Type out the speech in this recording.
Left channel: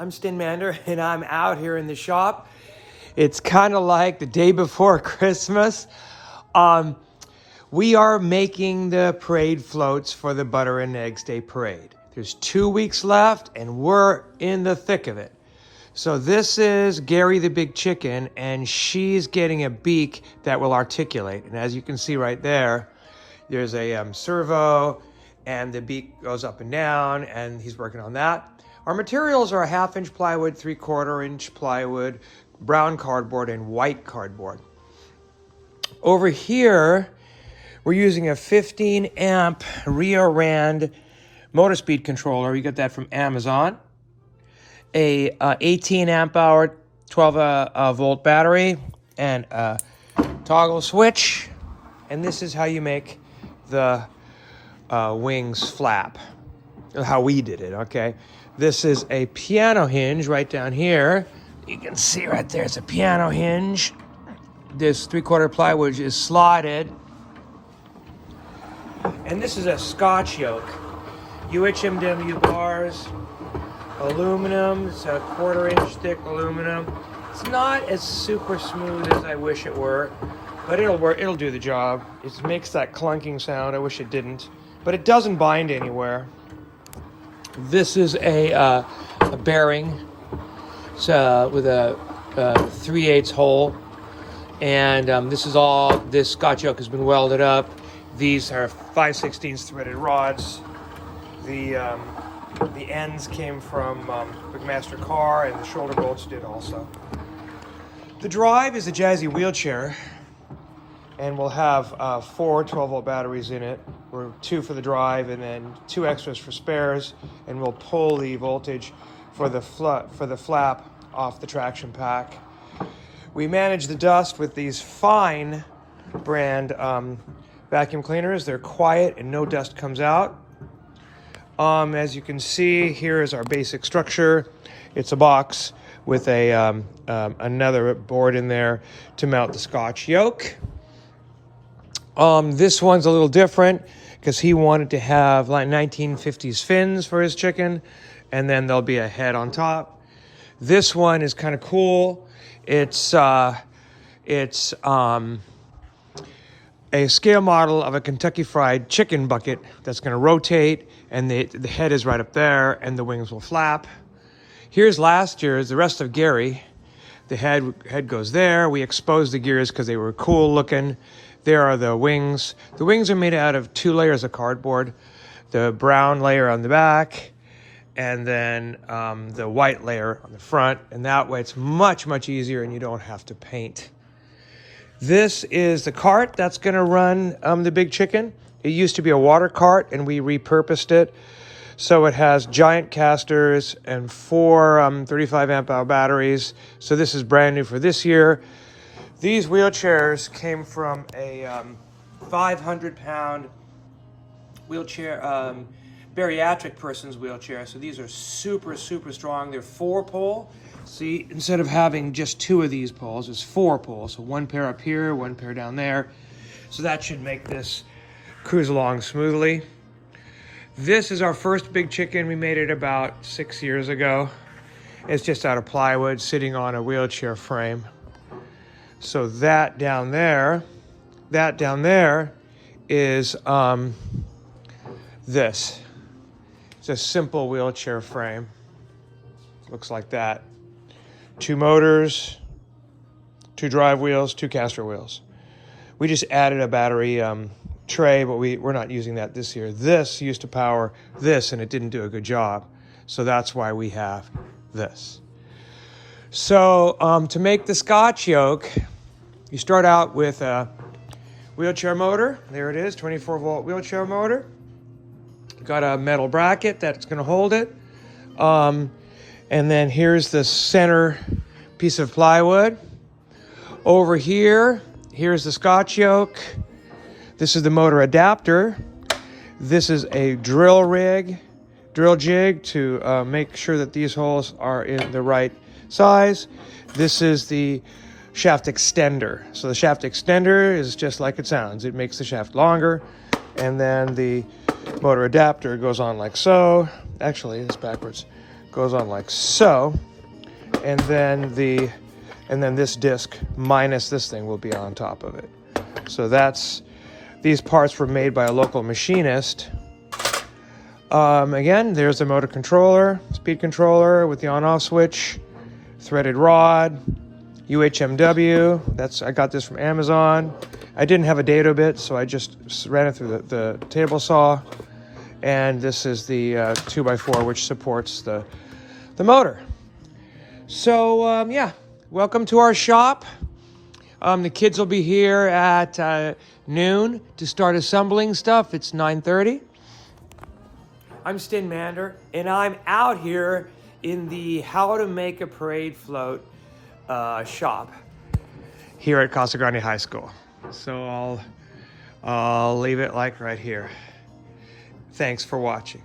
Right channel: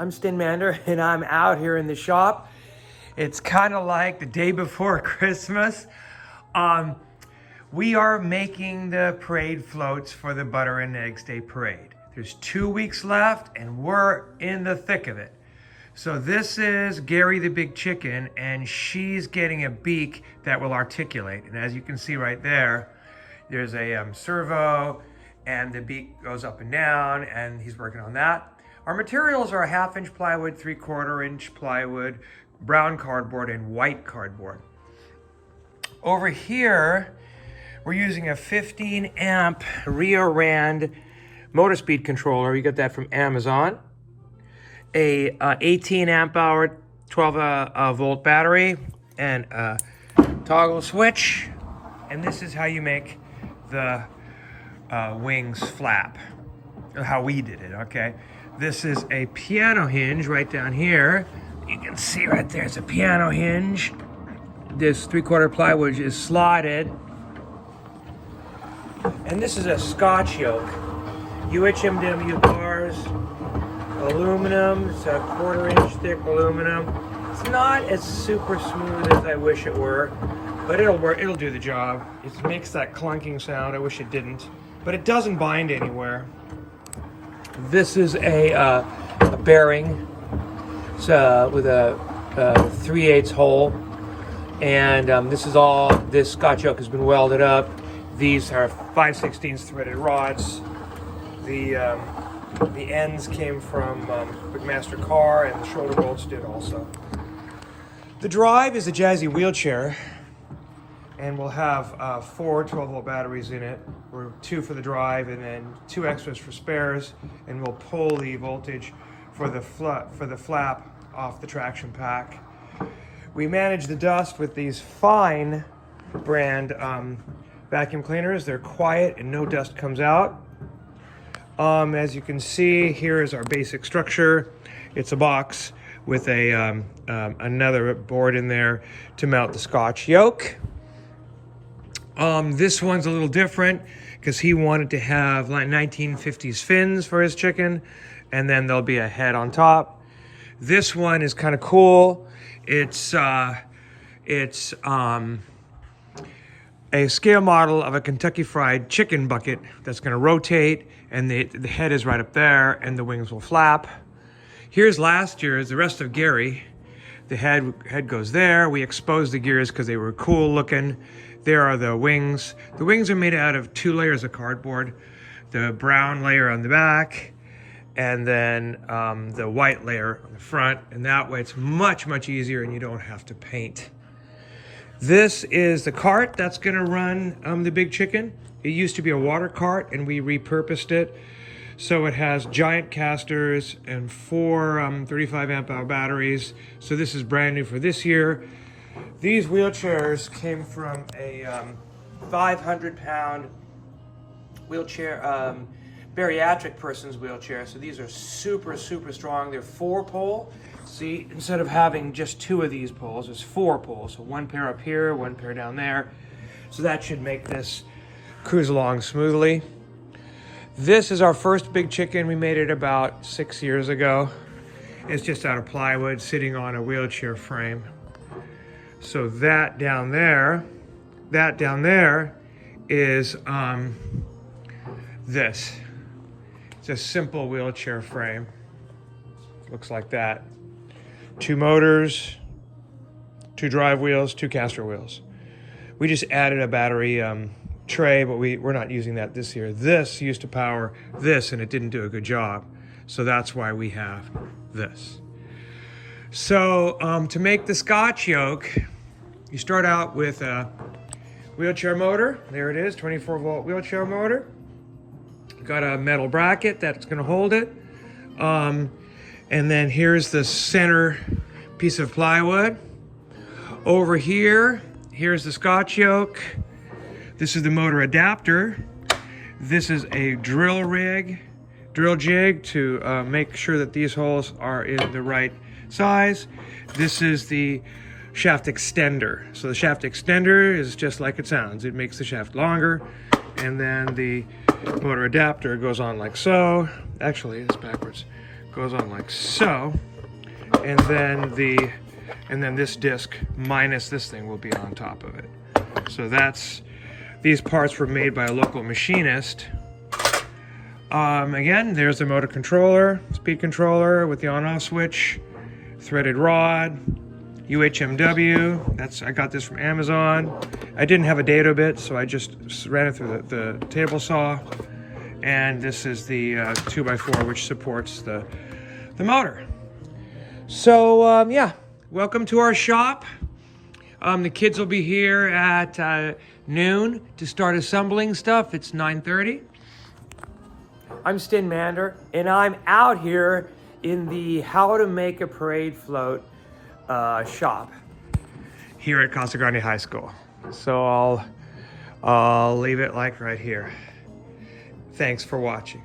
I'm Stin Mander and I'm out here in the shop. It's kind of like the day before Christmas. We are making the parade floats for the Butter and Eggs Day Parade. There's 2 weeks left and we're in the thick of it. So this is Gary the Big Chicken, and she's getting a beak that will articulate. And as you can see right there, there's a servo and the beak goes up and down, and he's working on that. Our materials are a 1/2 inch plywood, 3/4 inch plywood, brown cardboard, and white cardboard. Over here, we're using a 15 amp Rio Rand motor speed controller. We got that from Amazon. A 18 amp hour, 12 volt battery, and a toggle switch. And this is how you make the wings flap. How we did it, okay? This is a piano hinge right down here. You can see right there, it's a piano hinge. This 3/4 plywood is slotted. And this is a Scotch yoke. UHMW bars, aluminum, it's a 1/4 inch thick aluminum. It's not as super smooth as I wish it were, but it'll work, it'll do the job. It makes that clunking sound, I wish it didn't, but it doesn't bind anywhere. This is a bearing. It's with a 3/8 hole, and this Scotch yoke has been welded up. These are 5/16 threaded rods. The ends came from McMaster Carr, and the shoulder bolts did also. The drive is a Jazzy wheelchair, and we'll have 4 12-volt batteries in it. We're 2 for the drive and then 2 extras for spares, and we'll pull the voltage for the flap off the traction pack. We manage the dust with these Fine brand vacuum cleaners. They're quiet and no dust comes out. As you can see, here is our basic structure. It's a box with another board in there to mount the Scotch yoke. This one's a little different because he wanted to have like 1950s fins for his chicken, and then there'll be a head on top. This one is kind of cool. It's a scale model of a Kentucky Fried Chicken bucket that's going to rotate, and the head is right up there, and the wings will flap. Here's last year's, the rest of Gary. The head goes there. We exposed the gears because they were cool looking. There are the wings. The wings are made out of 2 layers of cardboard. The brown layer on the back, and then the white layer on the front. And that way it's much, much easier and you don't have to paint. This is the cart that's gonna run the Big Chicken. It used to be a water cart and we repurposed it. So it has giant casters and 4 35 amp hour batteries. So this is brand new for this year. These wheelchairs came from a 500-pound wheelchair, bariatric person's wheelchair. So these are super, super strong. They're 4-pole. See, instead of having just 2 of these poles, it's 4 poles. So 1 pair up here, 1 pair down there. So that should make this cruise along smoothly. This is our first Big Chicken. We made it about 6 years ago. It's just out of plywood sitting on a wheelchair frame. So that down there is this. It's a simple wheelchair frame. Looks like that. 2 motors, 2 drive wheels, 2 caster wheels. We just added a battery tray, but we're not using that this year. This used to power this and it didn't do a good job. So that's why we have this. So to make the Scotch yoke, you start out with a wheelchair motor. There it is, 24-volt wheelchair motor. Got a metal bracket that's gonna hold it. And then here's the center piece of plywood. Over here, here's the Scotch yoke. This is the motor adapter. This is a drill jig to make sure that these holes are in the right size. This is the shaft extender. So the shaft extender is just like it sounds. It makes the shaft longer, and then the motor adapter goes on like so. Actually, it's backwards. goes on like so, and then this disc minus this thing will be on top of it. So these parts were made by a local machinist. Again, there's the motor controller, speed controller with the on-off switch, threaded rod, UHMW. I got this from Amazon. I didn't have a dado bit, so I just ran it through the table saw. And this is the 2x4, which supports the motor. So yeah, welcome to our shop. The kids will be here at noon to start assembling stuff. It's 9:30. I'm Stin Mander, and I'm out here in the How to Make a Parade Float shop here at Casa Grande High School. So I'll leave it like right here. Thanks for watching.